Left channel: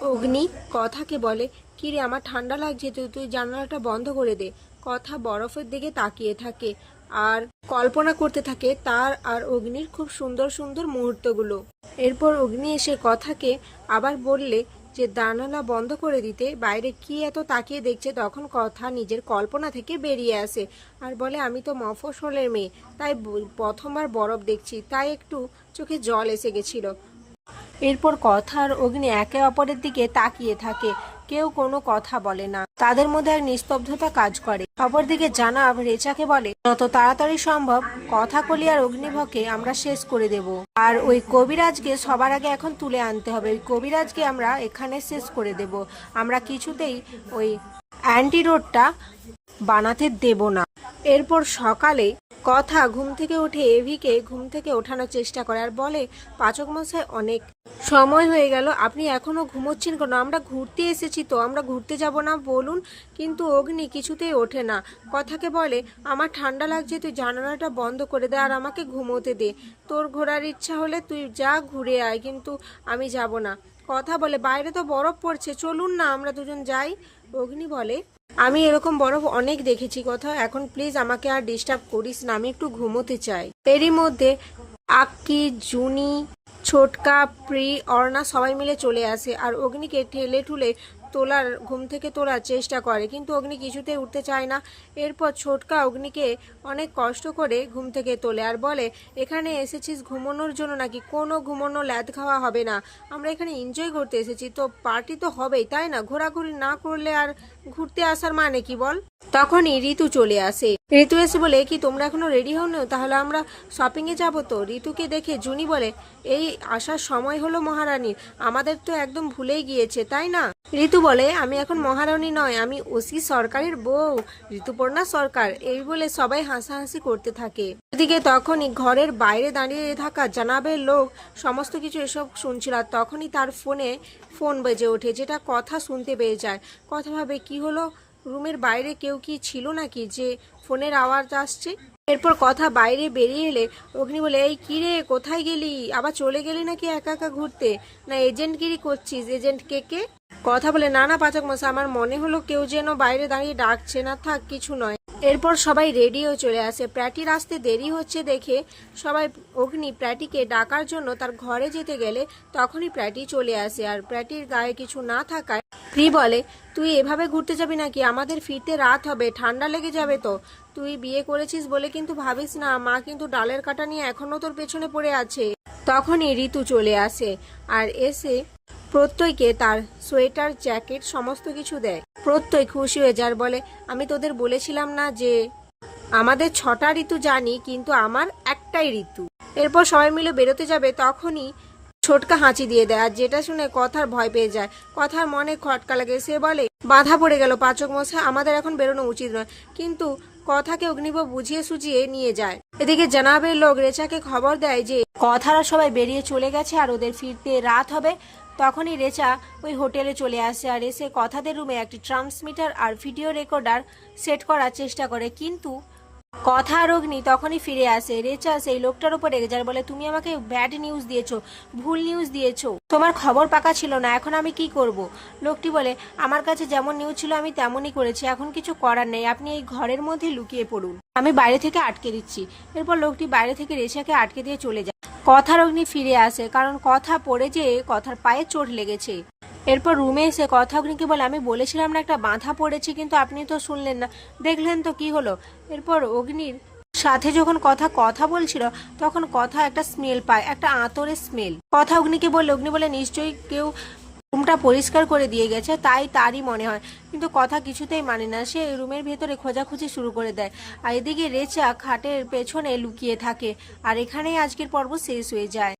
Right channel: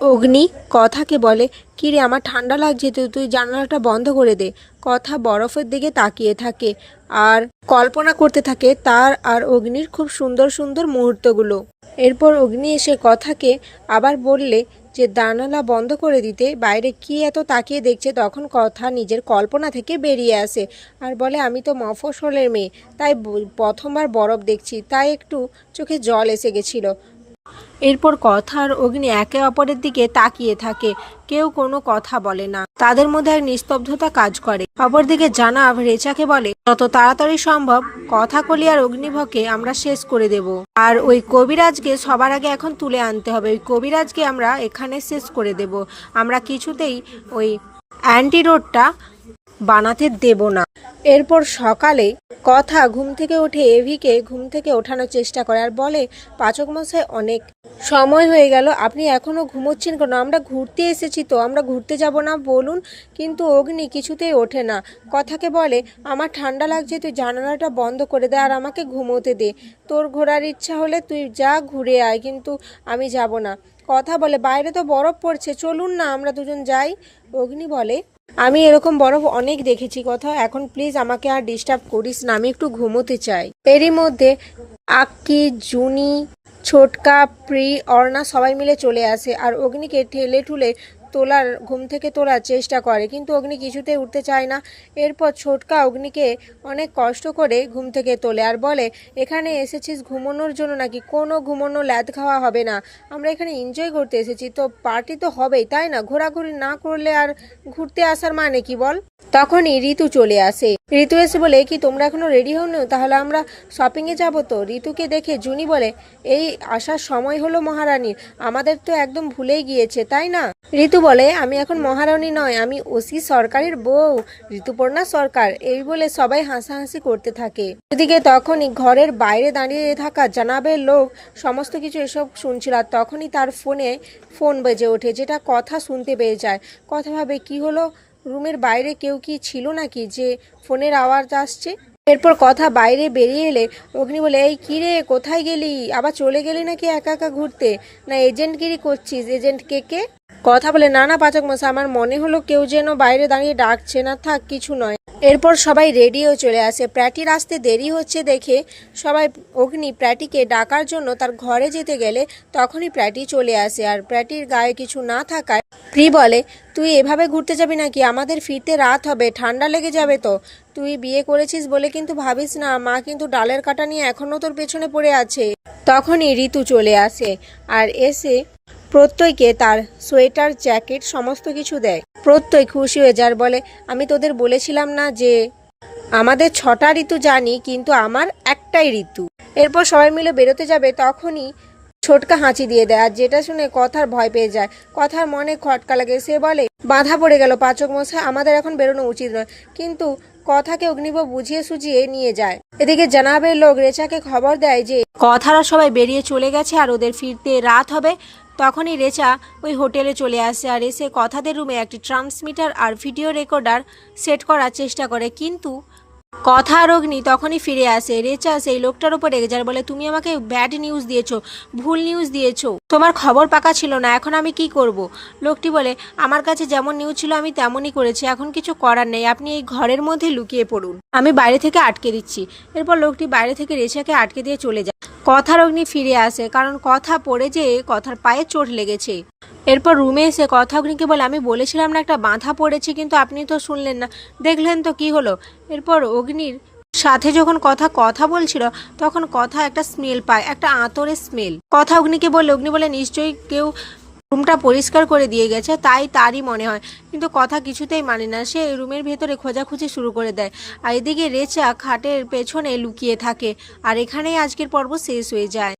অগ্নি কথাকে বলে, কিরে আমার ঠান্ডা লাগছে, তো তুই জানালাটা বন্ধ করে দে। কথা বরফের দিকে তাকিয়ে থাকে আর কল্পনা করতে থাকে তার আর অগ্নির খুব সুন্দর সুন্দর মুহূর্তগুলো। এরপর অগ্নি এসে কথাকে আবার বললে যে জানালা বন্ধ করে দিতে, বাইরে কি এত তাকিয়ে দেখছে। তখন কথা নিজের কল্পনা থেকে বেরিয়ে আসে আর বলে, আমি তো মফস্বলের মেয়ে, তাই প্রথমবার বরফ দেখছি, তাই একটু চোখে জল এসে গেছিল। এরপর কথা আর অগ্নি একে অপরের দিকে তাকিয়ে থাকে, কেউ কোনো কথা বলে না, তাদের মধ্যে এক নিস্তব্ধতা কাজ করে। অপরদিকে জানাব রেচাকে বলে, যত তাড়াতাড়ি সম্ভব কথা কলি আর অগ্নিভকে আমরা শেষ করে দেব, আর ওই কবিরাজকে সবার আগে এখন তুলে আনতে হবে। ওই কবিরাজকে আমরা এখানে শেষ করে দেব, আমরা কিছুতেই ওই অ্যান্টিডোটটা বানাতে দেব না। এরপর সকালে কথা ঘুম থেকে উঠে এভিকে ঘুম থেকে ওঠানোর চেষ্টা করে আর বলে, পাচক মশাই অনেক সময় হয়ে গেল, আপনি এখনো ঘুমোচ্ছেন কেন? আমরা ঘুরতে এসেছি তো, আমরা ঘুরতে যাব না বলুন? কিন্তু অগ্নি কিছুতেই ওঠে না। কথাকে বলে, আমার ঠান্ডা লাগছে, তুই জানালাটা বন্ধ করে দে আর আমাকে ঘুমোতে দে। তোর ঘোরার ইচ্ছা হলে তুই যা ঘুরে আয়, কিন্তু আমি যাব না। কথা বলে, বাইরে তো বরফ পড়ছে, চলুন না আমরা দুজন যাই। অগ্নি বলে, আমি এরকম বরফ অনেক দেখেছি কথা, এখন প্লিজ আমাকে আর ডিস্টার্ব করিস না, আমি একটু ঘুমোতে চাই। এরই মধ্যে আক্কি, জুনি, ছোটকা, প্রি, অর্ণা সবাই মিলে চলে আসে আর অগ্নিকে ঠেলে ঠুলে ঘুম থেকে তোলার চেষ্টা করে, কিন্তু অগ্নি কিছুতেই উঠতে চায় না। এরপর ছোটকা অগ্নিকে অনেক কষ্ট করে ঘুম থেকে তোলে আর বলে, এখানে এসেছিস ঘুমানোর জন্য নাকি? কোনো ঘুমানো ল্যাদ খাওয়া হবে না, আমরা এখানে এনজয় করতে এসেছি, তো পার্টি তো হবেই তাই না? ঘোরাঘুরি না করলে আর ঘুরতে আসার মানে কি বল? তখনই ঋতু চলে আসে। ঋতু এসে বলে, কি তোমরা এখনো রেডি হওনি? তাহলে আমরা শপিংয়ে যাবো তো। ঋতুকে দেখে জুনি বলে, এই আসার সময় হলো মহারানীর, আমাদের তো একদম ভুলেই গিয়েছে তাই না? ঋতু বলে, আমি এখন মহারানী নয়, আমি ওসি সরকারের বউ, ঋতুপর্ণা সরকার। এই বলে সবাই হাসাহাসি করতে থাকে। এদিকে তখনই ঘরের বাইরে দাঁড়িয়ে থাকা জানাবের লোক সমস্ত কিছু এসব শুনছিল আর তখনই তার ফোন বেজে ওঠে, যেটা কথা শুনতে পেয়ে যায়। কথা ভাবে, কি হলো, রুমের বাইরে কেউ কি ছিল নাকি যে ফোনের আওয়াজ আসছে? এরপর কথা বাইরে বেরিয়ে এলে অগ্নি বলে, এই কি রে, কোথায় গেলি? আবার চলে গেলি নাকি একা একা ঘুরতে? না এজেন্টগিরি করছিস? এজেন্ট কে? কথা বলে, না না পাচক মশাই, আমার মনে হলো কেউ যেন বাইরে দাঁড়িয়ে ডাকছে, না থাক কিছু নয়। এরপর সবাই রেডিও চলে আসে। প্র্যাটির আসতে দেরি হচ্ছে দেখে সবাই অগ্নি প্র্যাটিকে ডাকার জন্য তার ঘরে যেতে গেলে তখনই প্র্যাটি চলে আসে আর প্র্যাটির গায়ে কিছু না থাকায় প্রি বলে, তুই এভাবে ঘুরতে যাবি নাকি? আমাদের ফিরতে রাত হবে, ঠান্ডা লেগে যাবে তো। তুই বিয়ে করেছিস বলে কিন্তু ভাবিস না, মা কিন্তু ডালের কাটা নিয়ে এখনো তোর পেছনে পড়ে আছে। তখনই ঋতু চলে আসে আর এসে প্রত্যয়কে তার সোয়েটার, জ্যাকেট সমস্ত কিছু দেয়। প্রত্যয় খুশি হয়ে যার বলে, আমি তোদের বলেছিলাম না যে আমাদের 6টা ঋতু জানি, কিন্তু আমার একটাই ঋতু। এরপর সবাই মিলে বেরোতে যাবে তখনই ছোটকা হাঁচি দিয়ে দেয় আর যেটা শুনে কথার ভয় পেয়ে যায়। কথার মনে খটকা লাগে, সে বলে, বাধা পড়ে গেল পাচক মশাই, আমাদের এখন বেরোনো উচিত নয়। কিন্তু কথাকে অগ্নিব বুঝিয়ে সুঝিয়ে নিয়ে যায়। এদিকে জানাবের লোক রেচাকে খবর দেয় যে কথারা সবাই বেরিয়ে চলে গেছে আর ওদের ফিরতে রাত হবে। তখনই রেচা ওই হোটেলে চলে আসে আর এসে কথাদের রুমে একটি ট্রান্সমিটার আর ভিডিও রেকর্ডার সেট করার চেষ্টা করে, কিন্তু কথা আর অগ্নি তখনই ফিরে আসে। রেচা সেই লোকটার উপর রেগে যায়, বলে, তুমি আমাকে ব্যাড নিউজ দিয়েছো, ভুল নিউজ দিয়েছো, তোমার খবর পাকা ছিল না, এখন আমি কি করব? লোকটি বলে, আমার কাছে যেমন নিউজ ছিল আমি তেমনই করেছি, এখন কিছু করার নেই, আপনি এই ঘরের মধ্যে লুকিয়ে পড়ুন, আমি বাইরে থেকে আটকে দিচ্ছি। এরপর লোকটি বাইরে থেকে রেচাকে আটকে দিয়ে চলে যায়। কথার অগ্নি ফিরে আসে, কারণ কথা পড়ে যেয়ে কথার পায়ে চোট লেগেছে। এরপর রুমে এসে কথা অগ্নিকে বলে, আমি বলেছিলাম না একটা বাঁধা পড়েছি, কিন্তু আপনি তো শুনলেন না, দেখলেন তো কি হলো। এরপর অগ্নির সাথে যখন কথা বলছিল তখন কথা একটা স্মেল পায়, একটা আঁতরের স্মেল। কথা অগ্নিকে বললে, অগ্নি বলে, নিশ্চয়ই কেউ রুমটা পরিষ্কার করে দিয়ে গেছে, তাই তারই মনে হয়। কিন্তু কথা কিছুতেই মানে না, সে রুমের ভেতরে খোঁজাখুঁজি শুরু করে দেয়। আর এদিকে রেচা খাটের পেছনে লুকিয়ে থাকে। আর এখানেই আজকের পর্ব শেষ হয়ে যায়।